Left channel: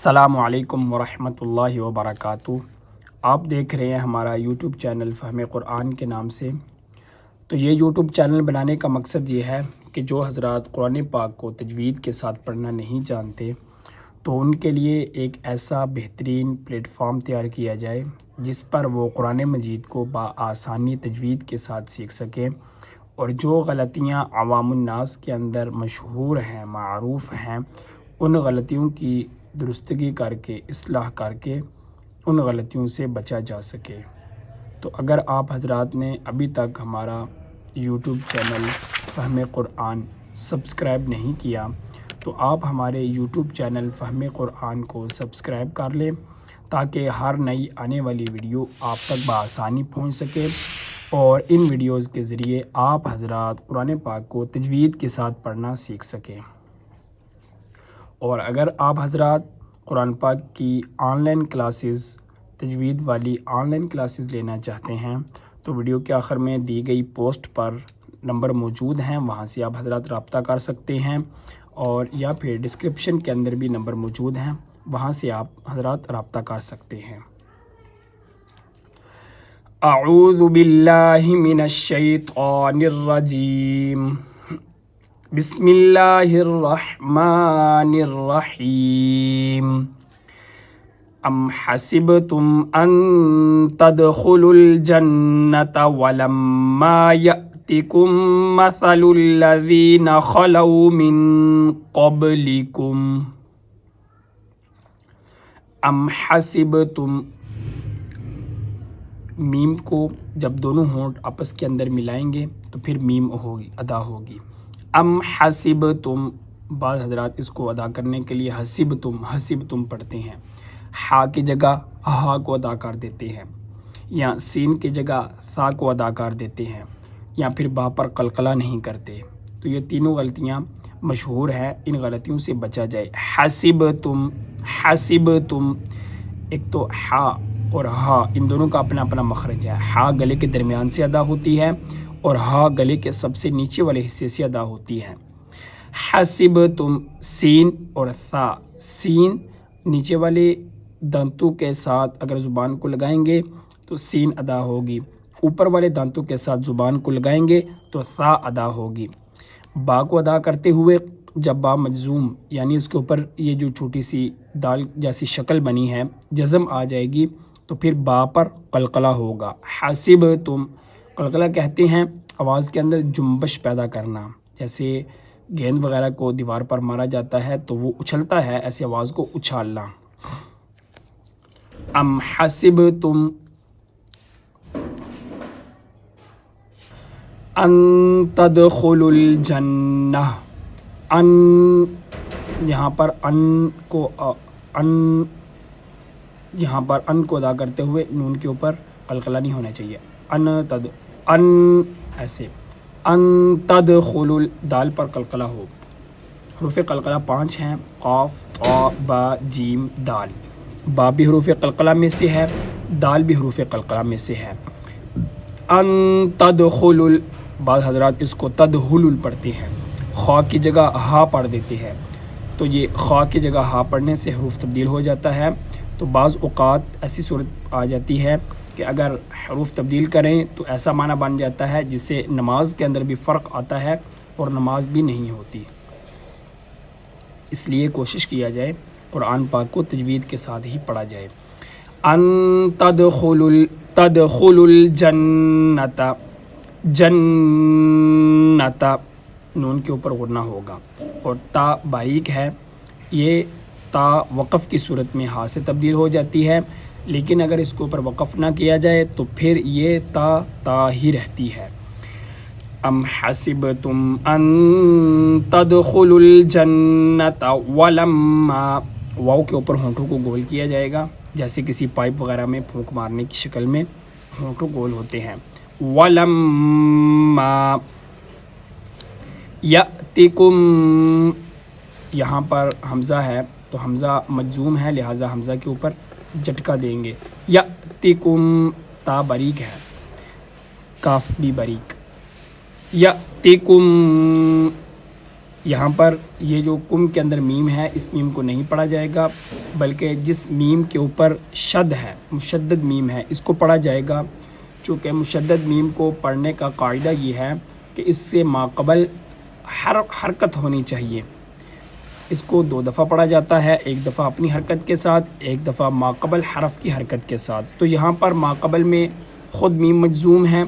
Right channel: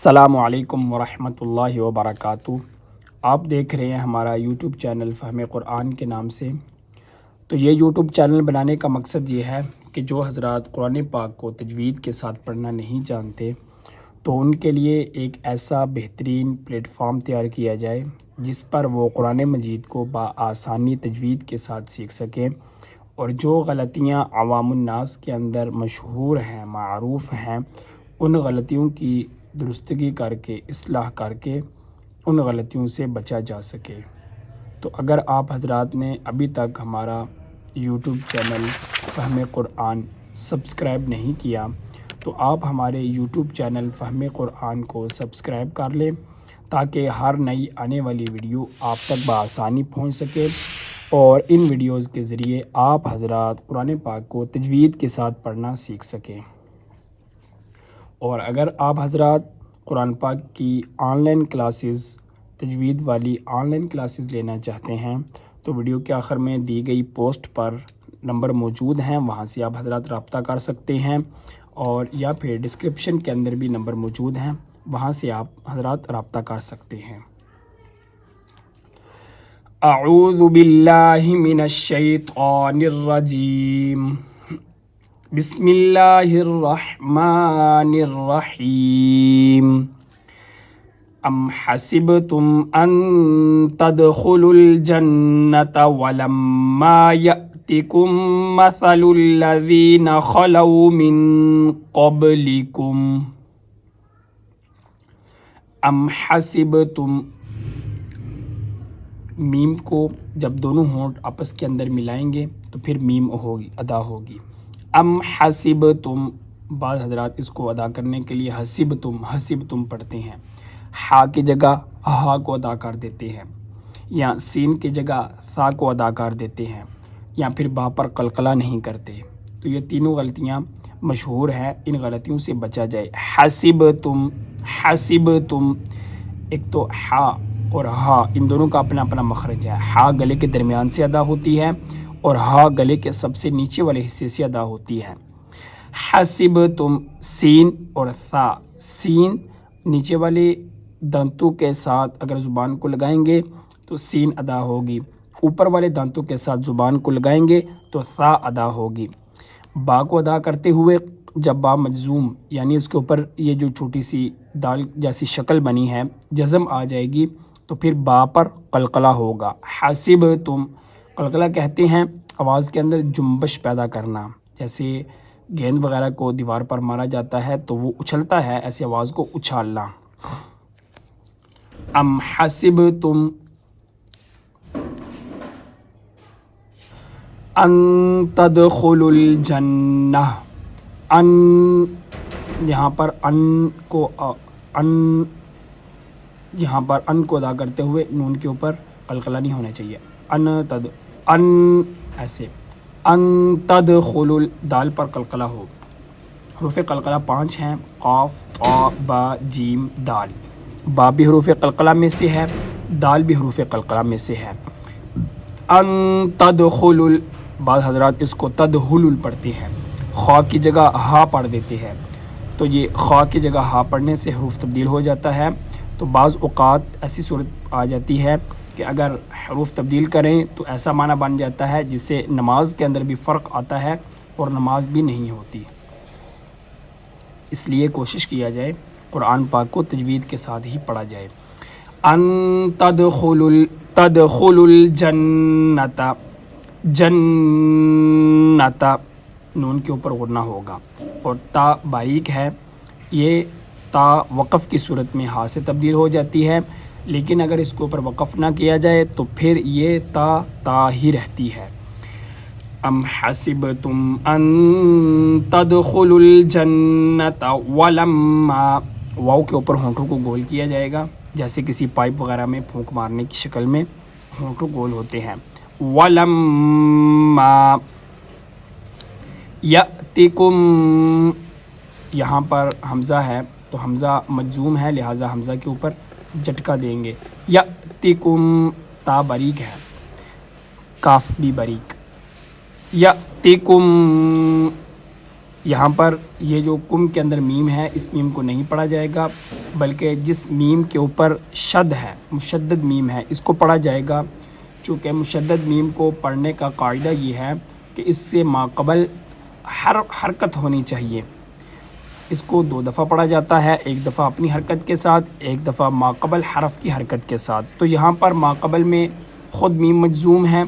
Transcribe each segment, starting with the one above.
السلام علیکم ورحمۃ اللہ وبرکاتہ۔ آپ دیکھ رہے ہیں ہمارا یوٹیوب چینل فہم قرآن کے نام سے۔ تو یہ یوٹیوب چینل بنانے کا مقصد یہ ہے کہ جو حضرات قرآن پاک کو تجوید کے ساتھ پڑھنا نہیں جانتے تو ان کے لیے ایک ایسا بہترین پلیٹ فارم تیار کیا جائے جس پر وہ قرآن مجید کو بآسانی تجوید کے ساتھ سیکھ سکیں، اور جو غلطیاں عوام الناس کے اندر مشہور ہیں، معروف ہیں، ان غلطیوں کی درستگی کر کے، اصلاح کر کے ان غلطیوں سے بچا جا سکے۔ تو اگر آپ حضرات نے ابھی تک ہمارا یوٹیوب چینل فہم قرآن سبسکرائب نہیں کیا تو آپ ہمارے یوٹیوب چینل فہم قرآن کو سبسکرائب کر لیں تاکہ ہر نئی آنے والی ویڈیو آپ تک بآسانی پہنچ سکے، اور ان ویڈیوز کے ذریعے آپ حضرات قرآن پاک کو تجوید کے ساتھ پڑھنا سیکھ سکیں۔ اور اگر آپ حضرات قرآن پاک کی آن لائن کلاسز، تجوید والی آن لائن کلاسز لینا چاہتے ہیں تو ویڈیو کے آخر میں دی گئی پوسٹ پر نمبر موجود ہیں، وہاں سے آپ حضرات رابطہ کر سکتے ہیں، اور یا پھر ڈسکرپشن کے اندر بھی نمبر موجود ہیں، وہاں سے آپ حضرات رابطہ کر سکتے ہیں۔ اعوذ باللہ من الشیطان الرجیم، بسم اللہ الرحمن الرحیم۔ ام حسبتم ان تدخلوا الجنة ولما یأتکم مثل الذین خلوا من قبلکم۔ ام حسبتم، میم کو جب دونوں ہونٹ آپس کے اندر ملائیں گے تو پھر میم ہوگی، ادا ہوگی۔ ام حسبتم، بعض حضرات اس کو ادا کرنے کے لیے حسبتم پڑھتے ہیں، ہا کی جگہ ہا کو ادا کر دیتے ہیں، یا سین کی جگہ سا کو ادا کر دیتے ہیں، یا پھر با پر قلقلہ نہیں کرتے۔ تو یہ تینوں غلطیاں مشہور ہیں، ان غلطیوں سے بچا جائے۔ حسبتم، ایک تو ہا اور ہا، ان دونوں کا اپنا اپنا مخرج ہے۔ ہا گلے کے درمیان سے ادا ہوتی ہے اور ہا گلے کے سب سے نیچے والے حصے سے ادا ہوتی ہے۔ حسبتم، سین اور ثا، سین نیچے والے دانتوں کے ساتھ اگر زبان کو لگائیں گے تو سین ادا ہوگی، اوپر والے دانتوں کے ساتھ زبان کو لگائیں گے تو ثا ادا ہوگی۔ با کو ادا کرتے ہوئے جب با مجزوم، یعنی اس کے اوپر یہ جو چھوٹی سی دال جیسی شکل بنی ہے، جزم آ جائے گی تو پھر با پر قلقلہ ہوگا۔ حسبتم، قلقلہ کہتے ہیں آواز کے اندر جنبش پیدا کرنا، جیسے گیند وغیرہ کو دیوار پر مارا جاتا ہے تو وہ اچھلتا ہے، ایسی آواز کو اچھالنا۔ ام حسبتم ان تدخلوا الجنہ، ان یہاں پر یہاں پر ان کو ادا کرتے ہوئے نون کے اوپر قلقلہ نہیں ہونا چاہیے۔ ان ایسے، ان تدخلوا، دال پر قلقلہ ہو۔ حروف قلقلہ 5 ہیں، قاف، طا، با، جیم، دال۔ با بھی حروف قلقلہ میں سے ہے، دال بھی حروف قلقلہ میں سے ہے۔ ان تدخلوا، بعض حضرات اس کو تدخلوا پڑھتے ہیں، خا کی جگہ ہا پڑھ دیتے ہیں، تو یہ خا کی جگہ ہا پڑھنے سے حروف تبدیل ہو جاتا ہے۔ تو بعض اوقات ایسی صورت آ جاتی ہے کہ اگر حروف تبدیل کریں تو ایسا معنی بن جاتا ہے جس سے نماز کے اندر بھی فرق آتا ہے اور نماز بھی نہیں ہوتی۔ اس لیے کوشش کیا جائے قرآن پاک کو تجوید کے ساتھ ہی پڑھا جائے۔ ان تدخلوا الجنۃ، جنۃ، نون کے اوپر غنہ ہوگا، اور تا باریک ہے، یہ تا وقف کی صورت میں ہا سے تبدیل ہو جاتی ہے، لیکن اگر اس کے اوپر وقف نہ کیا جائے تو پھر یہ تا ہی رہتی ہے۔ ام حسبتم ان تدخلوا الجنۃ ولما، واو کے اوپر ہونٹوں کو گول کیا جائے گا، جیسے کسی پائپ وغیرہ میں پھونک مارنے کی شکل میں ہونٹوں گول ہوتے ہیں۔ ولما یأتکم، یہاں پر حمزہ ہے تو حمزہ مجزوم ہے، لہٰذا حمزہ کے اوپر جھٹکا دیں گے۔ یأتکم، تا باریک ہے، کاف بھی باریک۔ یأتکم، یہاں پر یہ جو کم کے اندر میم ہے، اس میم کو نہیں پڑھا جائے گا، بلکہ جس میم کے اوپر شد ہے، مشدد میم ہے، اس کو پڑھا جائے گا۔ چونکہ مشدد میم کو پڑھنے کا قاعدہ یہ ہے کہ اس سے ماقبل حرکت ہونی چاہیے۔ اس کو 2 دفعہ پڑھا جاتا ہے، ایک دفعہ اپنی حرکت کے ساتھ، ایک دفعہ ماقبل حرف کی حرکت کے ساتھ۔ تو یہاں پر ماقبل میں خود میم مجزوم ہے،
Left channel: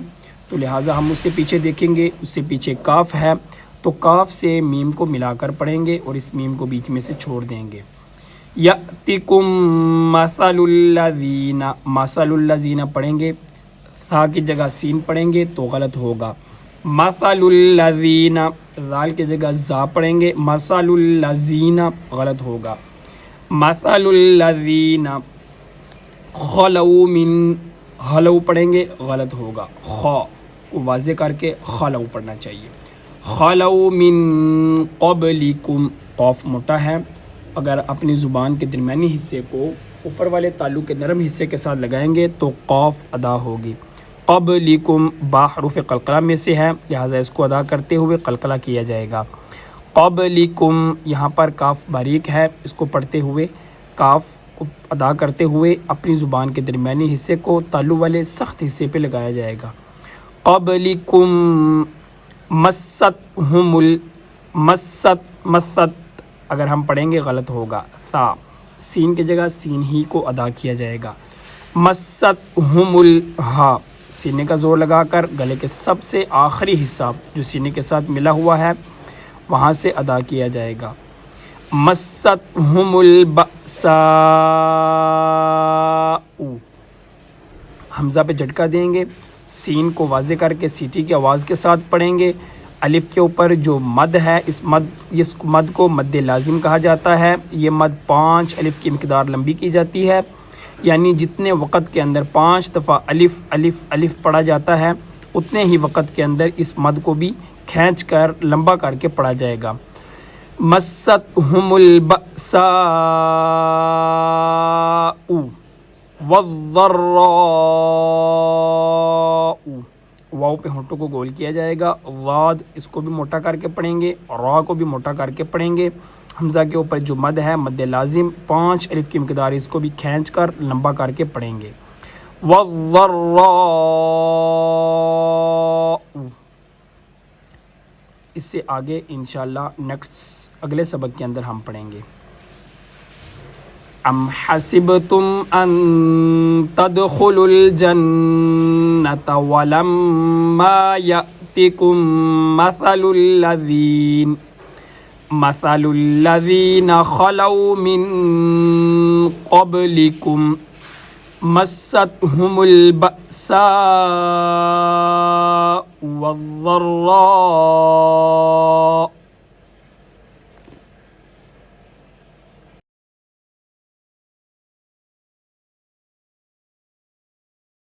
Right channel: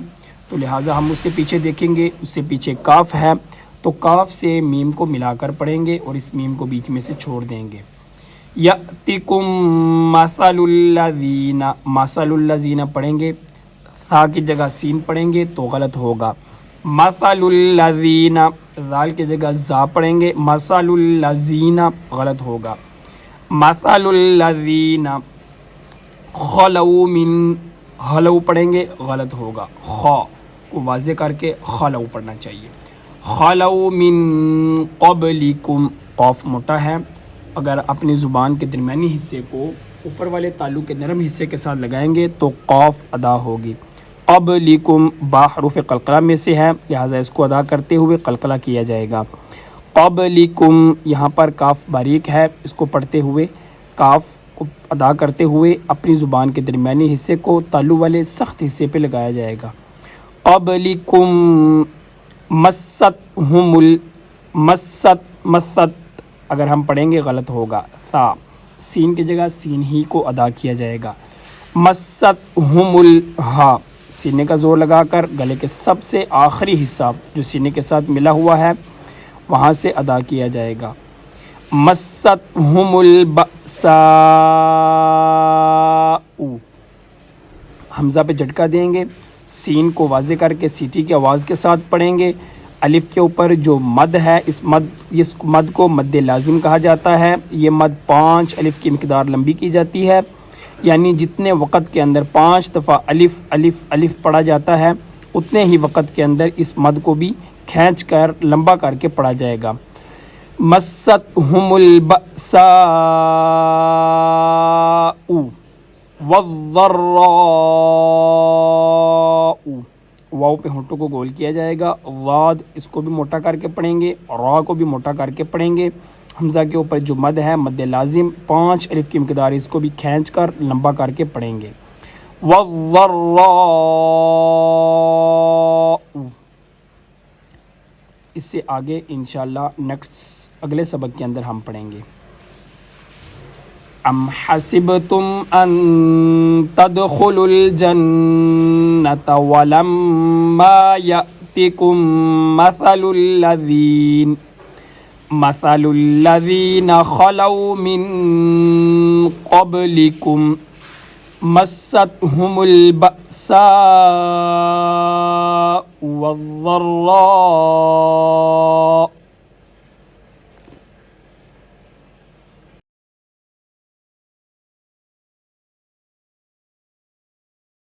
تو لہٰذا ہم اس سے پیچھے دیکھیں گے، اس سے پیچھے کاف ہے، تو کاف سے میم کو ملا کر پڑھیں گے اور اس میم کو بیچ میں سے چھوڑ دیں گے۔ یأتکم مثل الذین، مثل الذین پڑھیں گے، ثا کی جگہ سین پڑھیں گے تو غلط ہوگا۔ مثل الذین، ذال کی جگہ زا پڑھیں گے، مثل الذین غلط ہوگا۔ مثل الذین خلو من، خلو پڑھیں گے غلط ہوگا، خا کو واضح کر کے خلو پڑھنا چاہیے۔ خلو من قبلکم، قاف موٹا ہے، اگر اپنی زبان کے درمیانی حصے کو اوپر والے تالو کے نرم حصے کے ساتھ لگائیں گے تو قاف ادا ہوگی۔ قبلکم با حروف قلقلہ میں سے ہے، لہٰذا اس کو ادا کرتے ہوئے قلقلہ کیا جائے گا۔ قبلکم، یہاں پر کاف باریک ہے، اس کو پڑھتے ہوئے کاف کو ادا کرتے ہوئے اپنی زبان کے درمیانی حصے کو تالو والے سخت حصے پہ لگایا جائے گا۔ قبلکم مستہم مست اگر ہم پڑھیں گے غلط ہوگا، ثا سین کی جگہ سین ہی کو ادا کیا جائے گا۔ مستہم الہا، سینے کا زور لگا کر گلے کے سب سے آخری حصہ جو سینے کے ساتھ ملا ہوا ہے وہاں سے ادا کیا جائے گا۔ مستہم البأساء، حمزہ پہ جھٹکا دیں گے، سین کو واضح کر کے سیٹی کی آواز کے ساتھ پڑھیں گے۔ الف کے اوپر جو مد ہے، اس مد کو مد لازم کہا جاتا ہے۔ یہ مد 5 الف کی مقدار لمبی کی جاتی ہے، یعنی جتنے وقت کے اندر 5 دفعہ الف الف الف پڑھا جاتا ہے اتنے ہی وقت کے اندر اس مد کو بھی کھینچ کر لمبا کر کے پڑھا جائے گا۔ مستہم البأساء والضراء، واو پہ ہونٹوں کو گول کیا جائے گا۔ واد اس کو بھی موٹا کر کے پڑھیں گے، را کو بھی موٹا کر کے پڑھیں گے۔ حمزہ کے اوپر جو مد ہے مد لازم 5 الف کی مقدار، اس کو بھی کھینچ کر لمبا کر کے پڑھیں گے۔ والضراء، اس سے آگے انشاءاللہ نیکسٹ اگلے سبق کے اندر ہم پڑھیں گے۔ ام حسبتم ان تدخلوا الجنة ولما يأتكم مثل الذين خلوا من قبلكم مستهم البأساء والضراء